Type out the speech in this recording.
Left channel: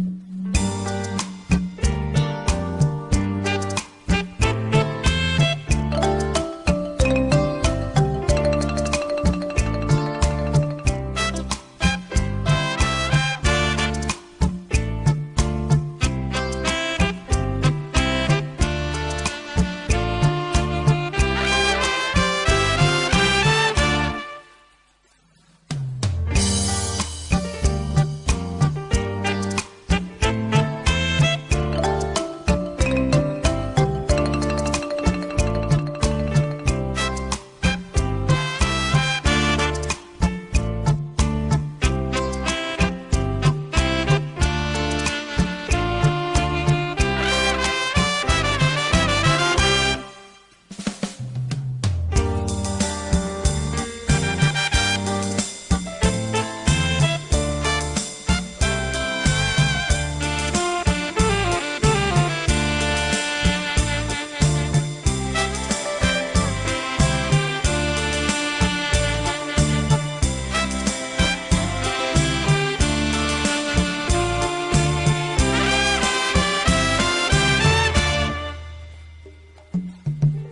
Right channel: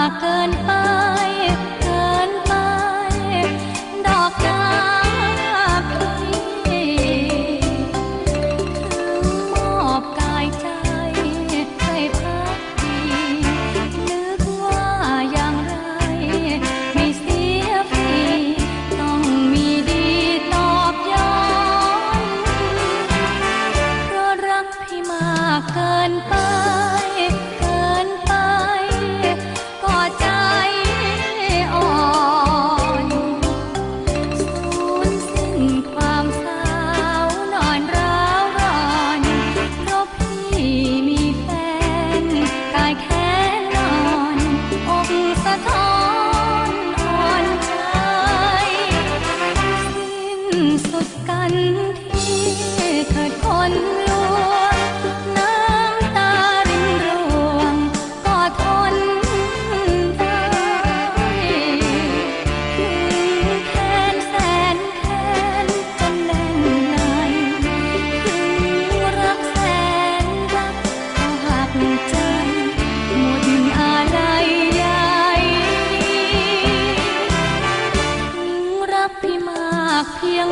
maka 飘。